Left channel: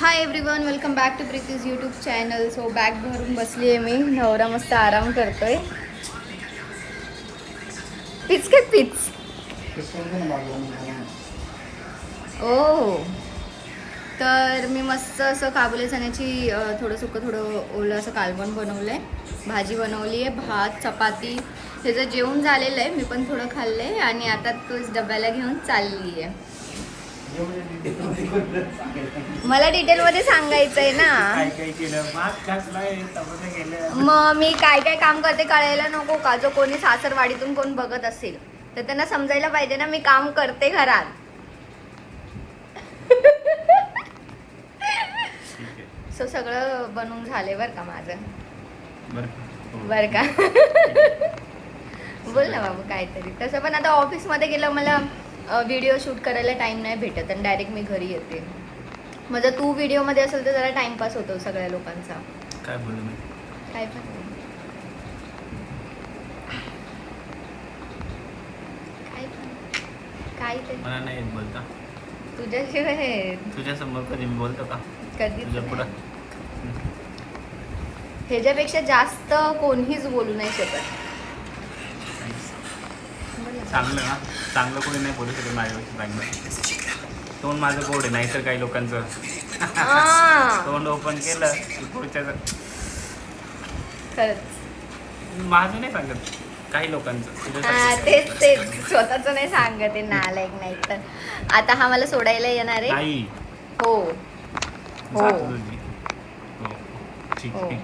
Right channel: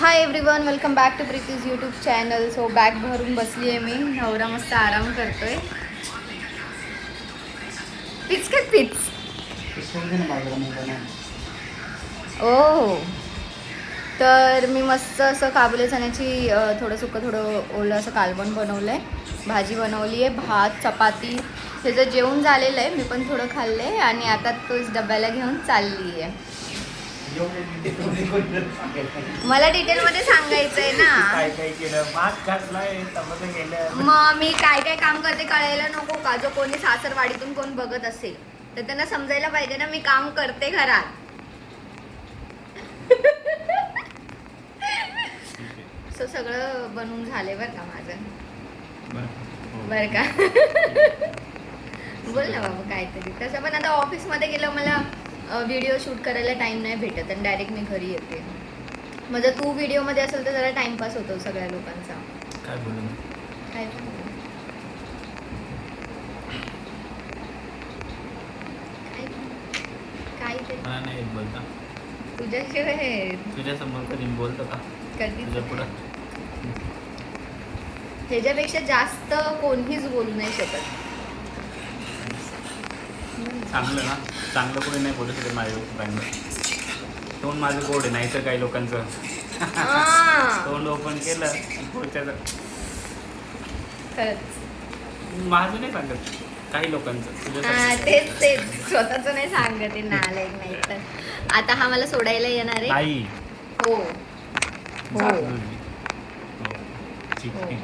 High everyone, welcome back to Preeti's YouTube channel. So bag भरून बसली आहे मी. नवरा मस्त आराम करतोय. पिच के पिच. ओ तर मी मस्त असं काबुली चण्याची थोडं सुकं थोडं ओलं असं कालवण बनवलं आहे. भाजी बनवली आहे, भात चपाती. त्याचं जेवण झालेलं आहे. मी पण थोडं खाल्लं आहे आणि आता तोच डब्याला घेऊन चालली आहे. मला डिटेलमध्ये सांगायचं आहे ना. मग मी काय काय काम करते कळायला नको का? जो कोणी सासरवाडीतून कोण बघत असेल तर त्यांना समजायला पाहिजे ना मी काम करते घरात. सो सगळं बनवून झालंय बरं का माझं. बरं का? बोल ना बाबा काहीतरी. तसं पण आता ऑफिसमध्ये गेलं मला व्हिडिओ शूट करायला टाइम नाही भेटत आणि डायरेक्ट मी घरी येते. म्हणजे तू व्हिडिओमध्ये असेल तर जरा टाइमपास होतो सगळ्या लोकांचा. काय बोलू मी? काय मला नाही येत बोलता. तुझ्याशिवाय तुझ्या समोर कधी बोलतो का? कधी तुझ्या पुढं ह्याच्यापेक्षा जास्त कोणीच बोलू नाही शकत. चांगलं ना, चांगलं कोणी नाही बोलू शकत माझ्यापेक्षा चांगलं. तोंड माझं गोड आहे, नाहीतर काही लोकांचं तोंड ओपन केलं की पुढच्याचं. माझं नाही सांगत, काही लोकांचं. तेच स्वतःच नाही सांगत आहे नालायक. नाही तर आता हा मला सोडायला येणार आहे. नाही. हो हो ठीक हो, आहे.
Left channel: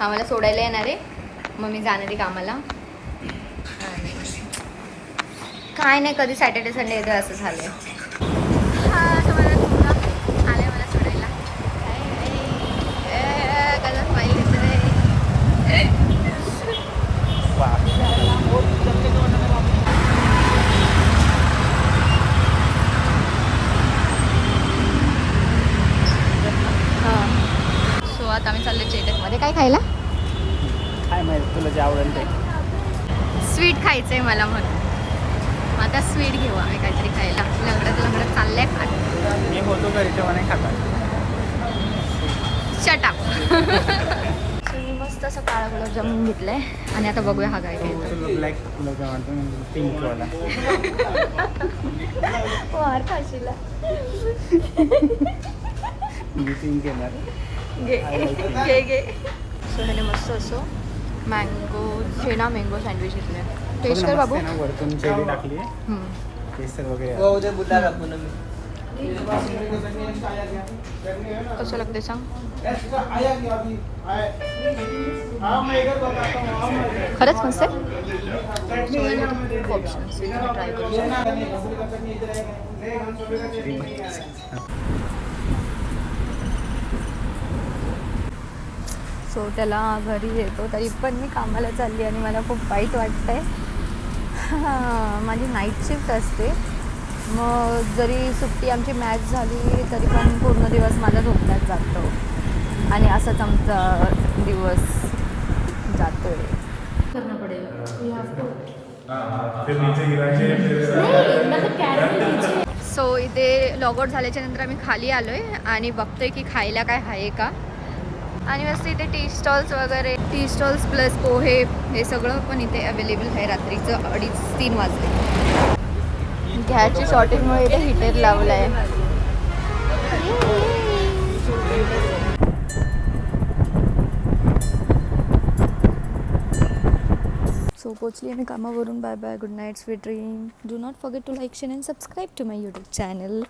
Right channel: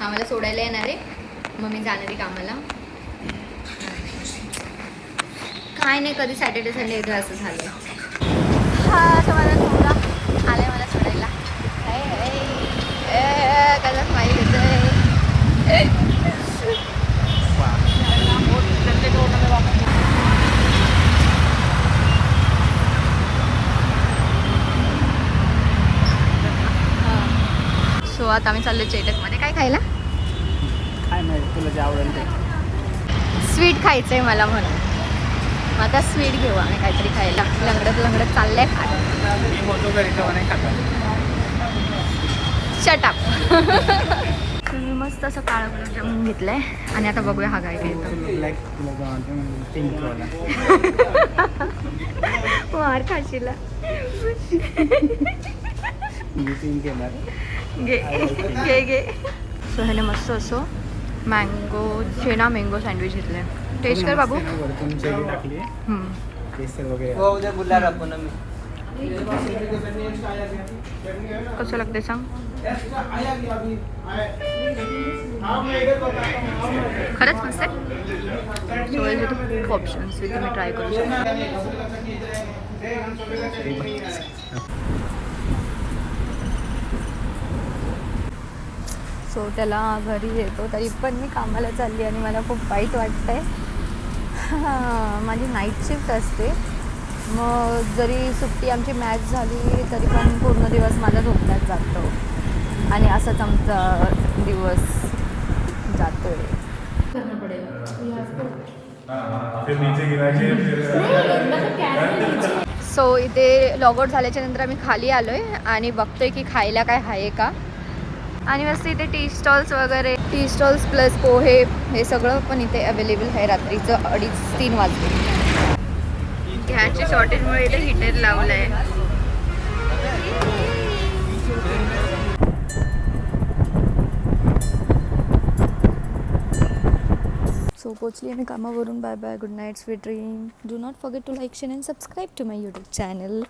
हा मला सोडायला येणार आहे. मग मी जाणार आहे कामाला. काय नाही, कधी सॅटर्डे संडे येतं असं झालंय. हा असं मला मुलगा आलाय मला सोडायला. कसा स्माईल येतोय. सो आता आम्ही चाललो चेटकमध्ये. काय खायला? काय माहिती तुला जे आवडेल ते. स्वीट खायचंय मला म्हणून. मग आता स्वीट घेऊ आम्ही काहीतरी खायला. लंगडत चाललंय फार. मी होतो घरी तेव्हा नाही खाता. शटअप. मी मस्त असं काळा गुलाबजामुन घेतलंय आणि आता बघूया हा काय घ्यायचा. ब्लॅक गुलाबजाम पिंकवाला. मार खाशीला. मी पिंक घेणार. घे. सो ह्याने मस्त असं मँगो छेना मँगो सँडविच घेतलंय. टेस्ट कर बाबू. वरतून चेरी टाकली आहे. केसर वगैरे. कसं लागते सांग. खरंच मस्त आहे. खूप ऑप्शन्स तुम्ही ट्राय करू शकता. सो त्याला घरी येतो तरी पण मी कामाला चालली आणि मला खूप वाईट वाटतंय. माझी नाईट शिफ्ट असते. मग जरी सुट्टी आमची मॅच झाली तरी पण पूर्ण दिवस माझा झोपण्यात जातो आणि असंच आमचा दिवस जातोय. करणं पडेल. सो इथे लॉग आउट झाल्याच्या नंतर आम्ही खाली आलोय आणि बघतोय की खायला काय आहे का. आणि मस्त इथे टी स्टॉल्स वगैरे, टी स्टॉल्स प्लस पोहे हे सगळं पण इथे अवेलेबल आहे. रात्रीचं 2:30-3 वाजले. गॅसची शॉर्टेजमुळे इथे हीटर लावलं आहे. सो पोचली मी कामावरून. Bye bye, good night, sweet dream. Do not forget to like, share and subscribe to my YouTube channel.